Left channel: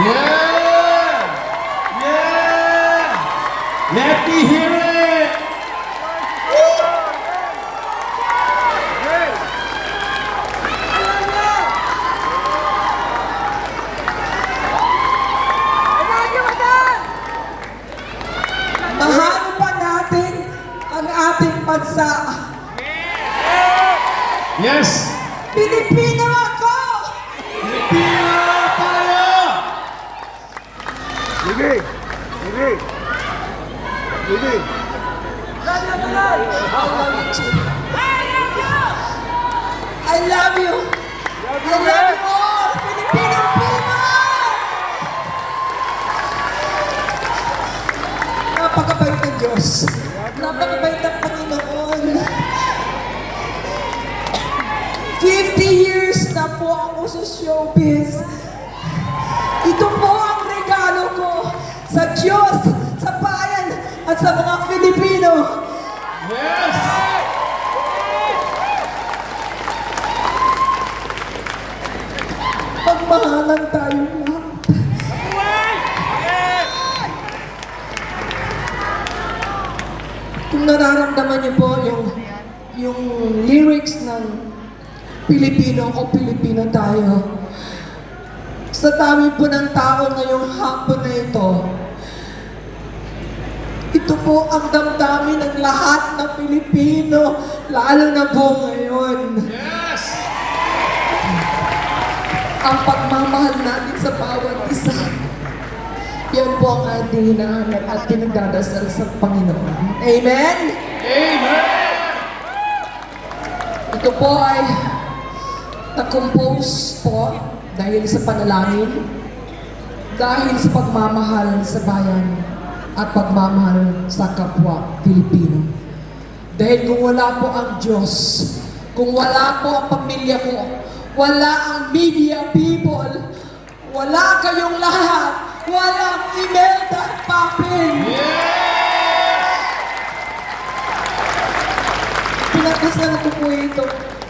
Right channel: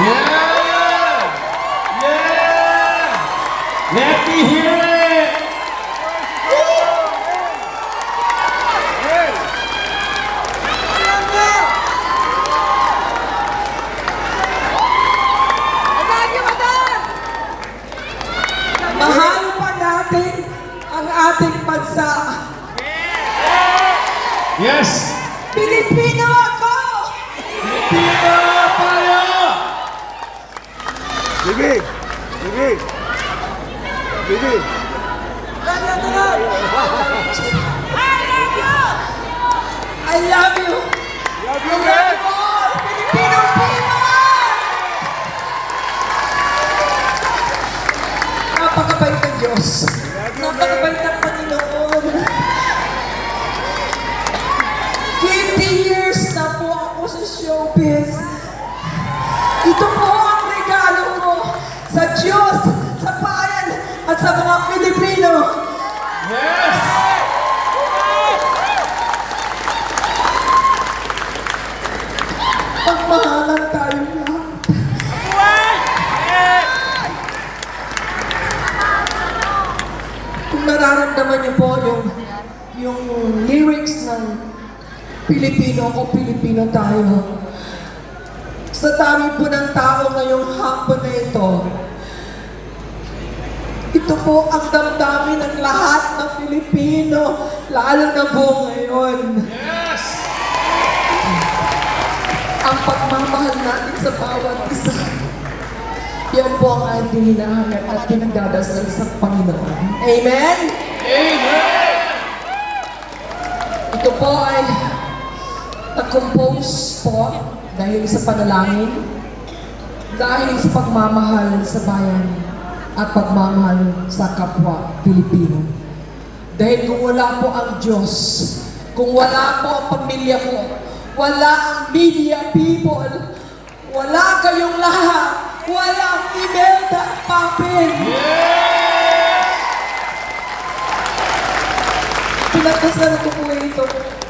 Yeah! Yeah! Let me hear it! Mahal pa natin ang ating bansa. Yes! Pilipino ako! Pilipino tayo! Sige! Sige! Sige! I love you! I love you all! Filipino people! Napakabait ng Diyos. Napakabait ng Panginoon. 50 years na po ako sa showbiz. Ito po ang regalo ko sa Diyos, sa bayan, at sa mga Pilipino. Yes! Pagmahalan tayo. Kung nararamdaman niyo po yung lyrics ng Pilipino ako, Pilipino tayo. Sa dami po ng tao ngayong hapon na ito po ang damdamin ng lahat ng Pilipino, lalo na po ngayon. Yes! Ang pagmamahal natin sa bawat isa. Yan po ang ating hinahanap at pinagdadasal sa Panginoon. Amen? Amen! Ito po ay na-compose po dahil sa panalangin, dahil sa pagmamahal sa bayan at pagmamahal sa kapwa Pilipino. Dahil kung wala po ang Diyos, kung wala po ang pamilya ko, wala ang media people, wala kayong lahat, walang Imelda at Papin. Pinagdasal ko po ito.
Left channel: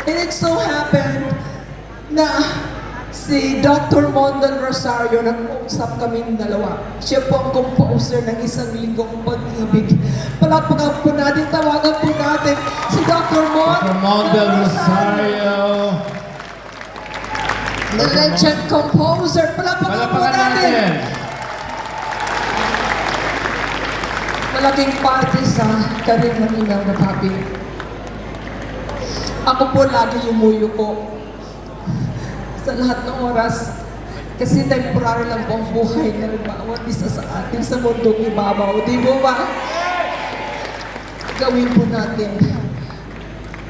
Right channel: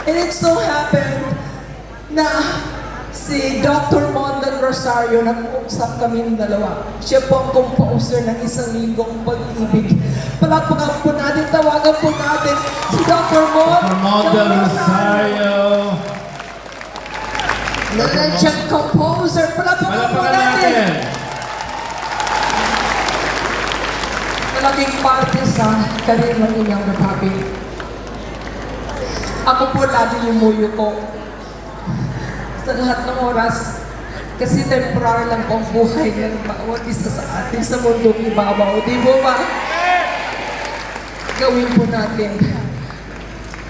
And it so happened na si Dr. Mondal Rosario, nag-uusap kami dalawa. Siya po ang composer ng Isang Linggong Pag-ibig. Palakpakan po natin, tawagan po natin si Dr. Mondal Rosario. The legend composer. Palakpakan po natin. Malaking parte sa karir ng Inang Republic. Ako po lagi yumuyo ko sa lahat ng oras kasi temporary lang po ang buhay ng bawat isa sa atin sa mundong ibabaw. Di mo ba? Gawin po natin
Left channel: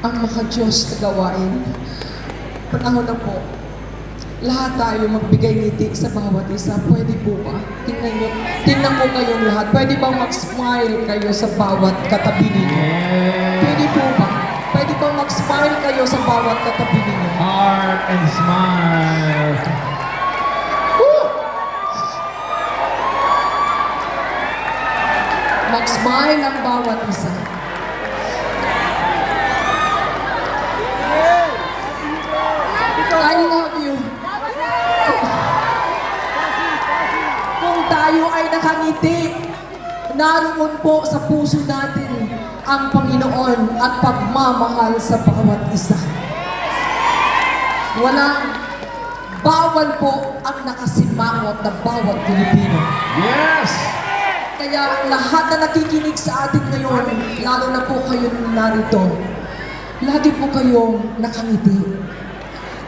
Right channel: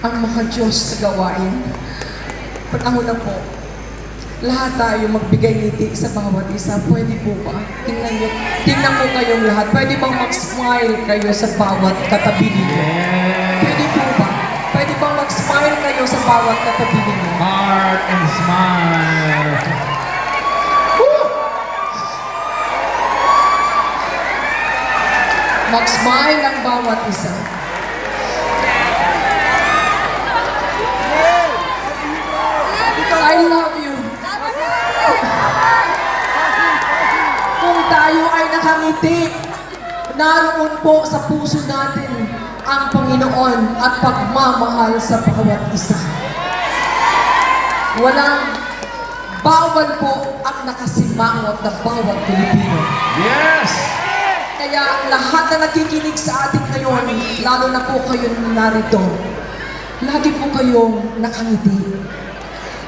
ang mga Diyos na gawain. Panahon na po. Lahat tayo magbigay ngiti sa bawat isa. Pwede po ba? Tingnan mo kayong lahat. Pwede ba mag-smile kayo sa bawat katabi ninyo? Pwede po ba? Pwede ba mag-smile kayo sa bawat katabi ninyo? Heart and smile. Mag-smile ang bawat isa. I love you. Kung tayo ay nakangiti, naroon po sa puso natin ang Panginoon at pagmamahal sa bawat isa. Walang bawal po ang nakasimangot na bawat Pilipino. Yes! Kaya lahat na nakikinig sa atin ngayon, lalo na po kayo narito, lagi po kayong nakangiti.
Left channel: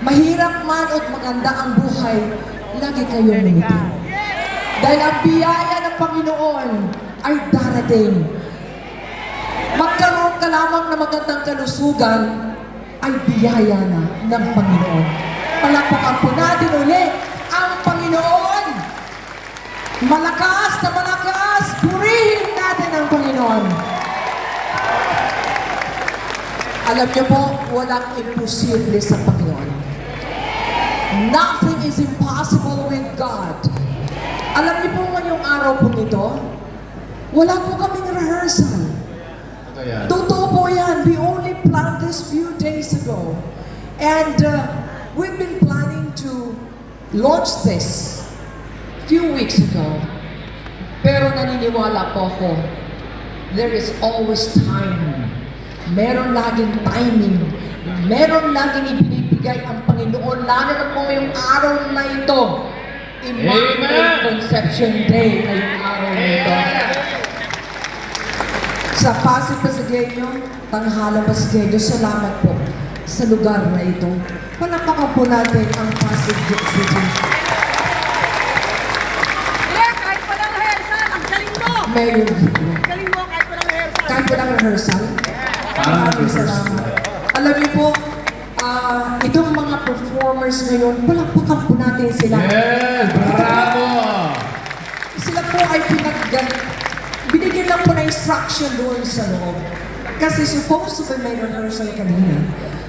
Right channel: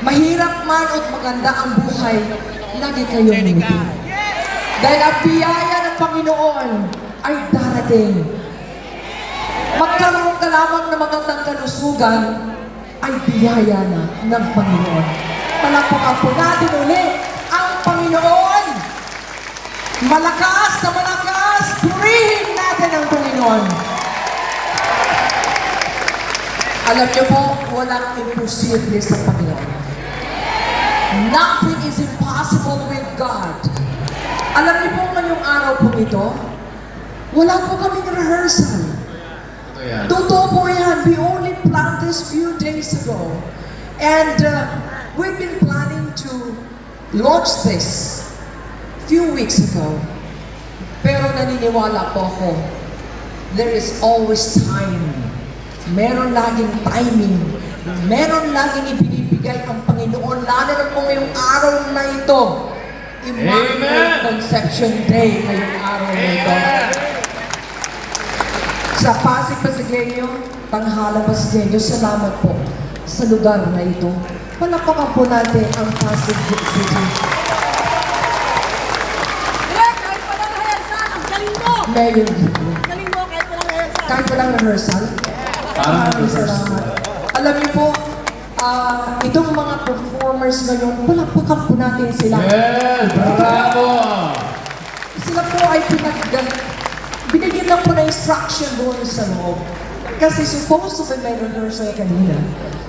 Mahirap man o maganda ang buhay, lagi kayong ngumiti. Dahil ang biyaya ng Panginoon ay darating. Magkaroon ka lamang ng magandang kalusugan, ay biyaya na ng Panginoon. Palakpakan po natin ulit ang Panginoon. Malakas na malakas, purihin natin ang Panginoon. Alam niyo po, walang imposible sa Panginoon. Nothing is impossible with God. Alam niyo po ngayong araw po ito, wala po kaming rehearsal. Totoo po yan. We only planned this few days ago. And we've been planning to launch this few weeks ago. Pero naniniwala po ako, there is always time. Meron laging timing. Meron laging ibinibigay ang Panginoon, lalo na po ngayong araw na ito. Immaculate Amen. Conception Day ngayong araw na ito. Sa Pasig Pasigueño, Tanghalang Pasigueño, salamat po sa lugar na ito. Palapakan po natin ang Pasig City. Kahit walang rehearsal, ang galing mo! Mayor Vico. Ang galing mo kahit walang rehearsal. Kahit walang rehearsal. Maraming salamat. Alam niyo po, itong mga performers ngayon, palapakan po natin sila. Yes! Bravo! Sila po ay binigyan lang po na instruction doon sa loob. Kasi supposed to be may rehearsal kanina.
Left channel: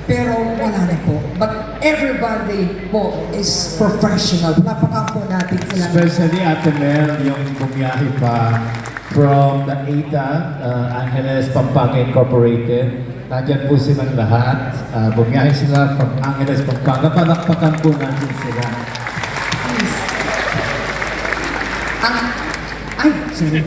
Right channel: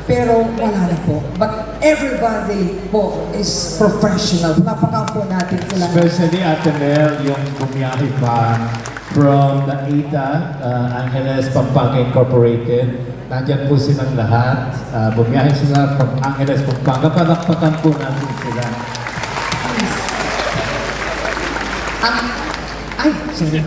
Pero wala na po. But everybody po is professional. Palapakan po natin sila. Especially Ate Mel, yung bumiyahe pa from the AITA, Angeles Pampanga Incorporated. Nandiyan po silang lahat. Bumiyahe sila from Angeles Pampanga. Palakpakan po natin sila. Ay, sige.